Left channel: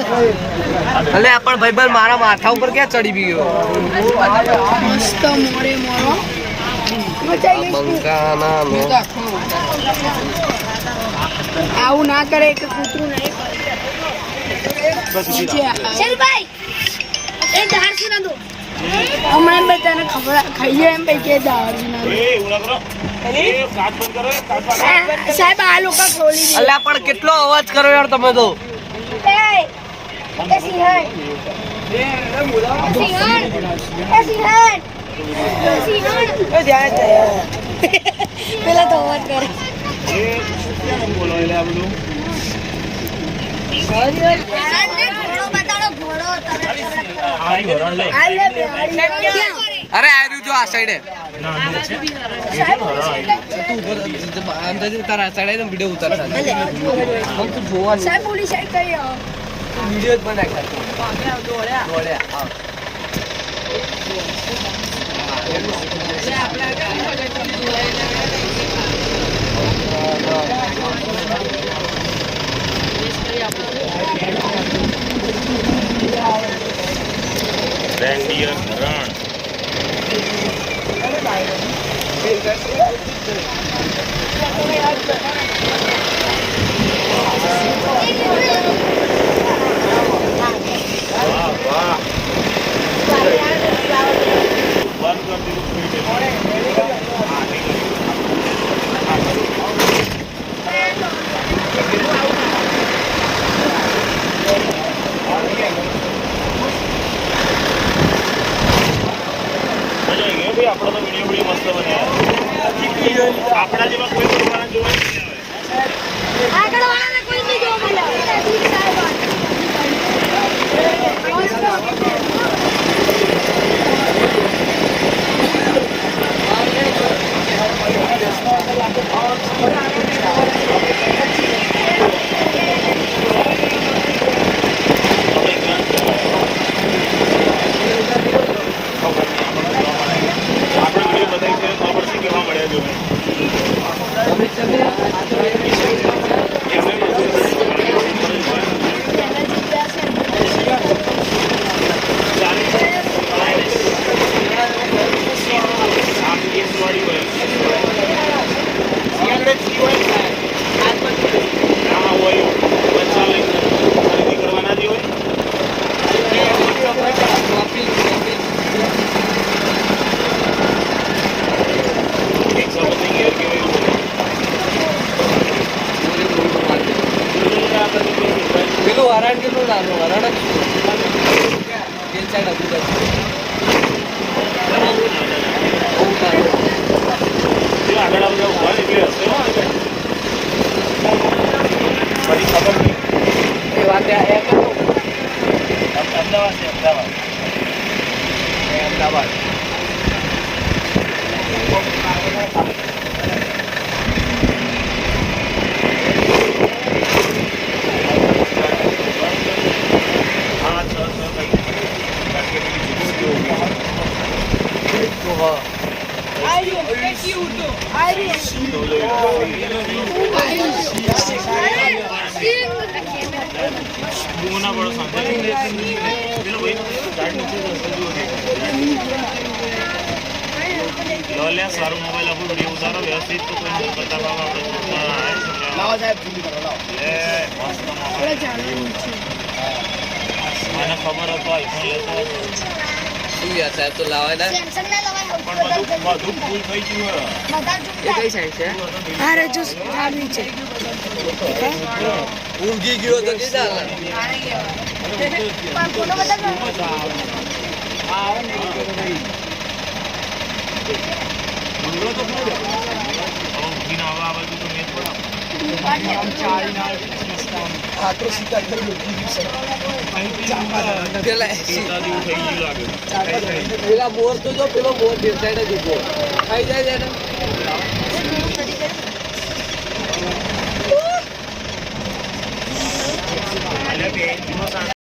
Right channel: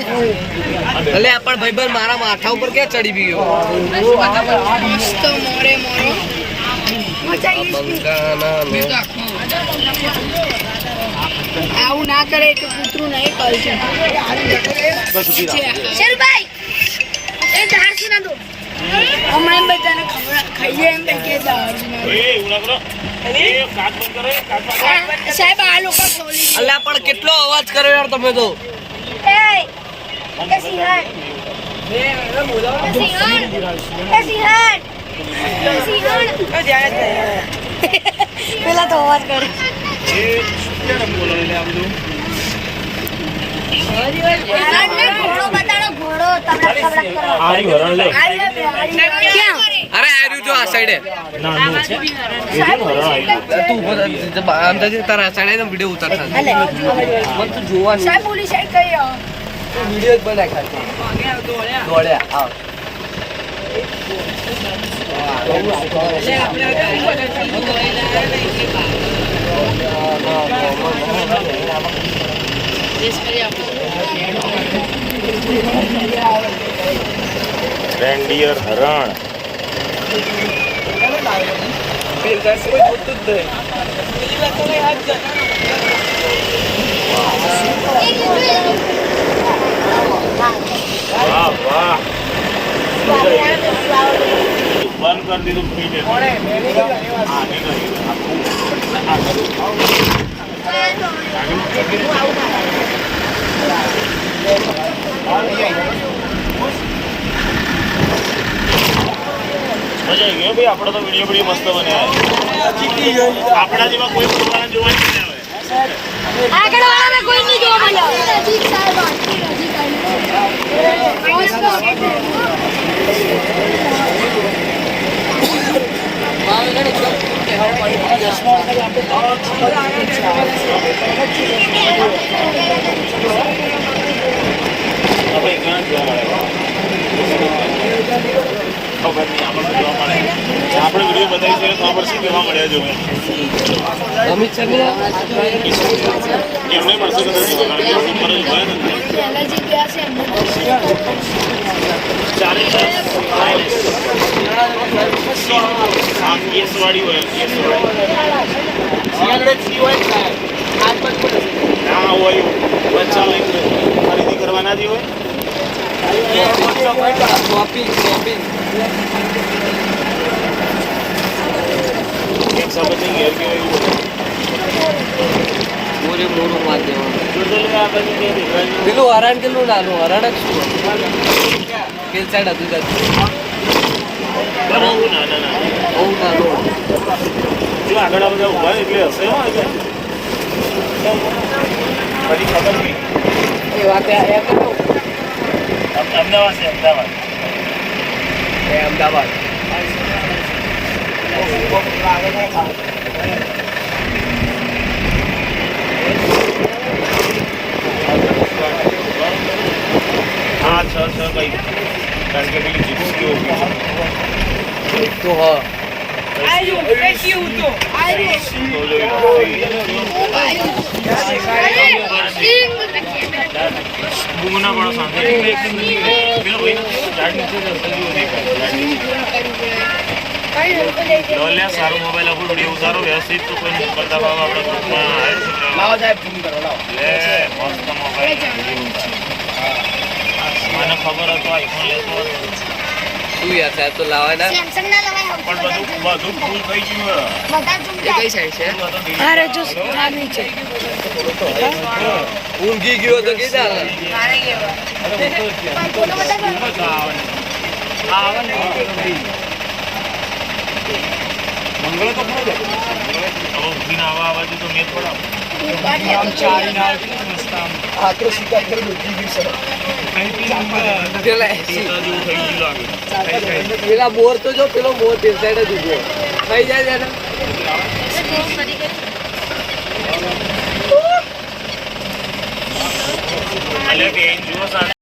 એટલે પણ ભાઈબંધ મારા માથા ઉપર ક્યાં ચડી ગયો મસ્ત મોરે મોરો આવું ના કરે કે કૂતરું નહીં કરશે શેરુભાઈ એ દાળસી ના દો હમણાં બધાને ખબર ખાઈએ એમ ભાઈ કે સાહેબ આ લોકો ખોલી અલ્યા પણ કેટલો અવાજ કરો યાર તમે તો પેલા તો અવાજ કરે ઘોડો બતાડો ઘોડો અરે આર્યું જો આ સાઈડે તું તારા સાઈડે વિડીયો ઉતારતા મને તો જોવાનું સાહેબ પોલીસ સાઈડ કરી આવો વિડીયો જ બનાવ્યા રેન્ડિયર હરણ વાહ વાહ બંધ કરી દીધું મજા આવી ગયો ભાઈ આપણે તો વિડીયો બધી મસ્ત બન્યા આપણા જેમાં કોઈ જોવા નહીં આગળ વાળાને કોઈ નહીં જોવા આપણે વિડીયો બતાવીશું ખબર શું કેવા મળ્યા જો એમને મળશે વાળી હોય ના હોય બચ્ચા હોય ખરીદી કરવાના જે હોય પેલું હરણ કેટલું નાનું હરણ જ શું પેલ સાઈડ હતું આગળ ઉભા એટલે હશે અમદાવાદ હા છ ભાઈ કારણ કે પેલી તો હા ગુમના બડો સાંધે પેલો ભાઈ ઝાડ નીચે લોલ્યા સારું મોબાઈલ આપણો વિડીયો ઉતારો વ્યવસ્થિત તો કોઈ કરતા ભાવ આપણે ગ્રુપમાં લે મસ્ત મોબાઈલ મને ખબર હતો આઈફોન લેતો હતો શું યાર સાહેબ તો લાવાના પણ બધું ફૂલ થઈ ગયું એ કઈ સાઈડ છે અરે જો ખાલી છે ઊંઘી ગયો તો કીધા મંગળો તો ખરો જ હવે ઉઠીને આવા બાજુ તો મેં થોડા પેલા બોર તો જો પેલો બોર સાઈડ જ ઉભો થઈ જાય ને અલ્યા બેન જુઓ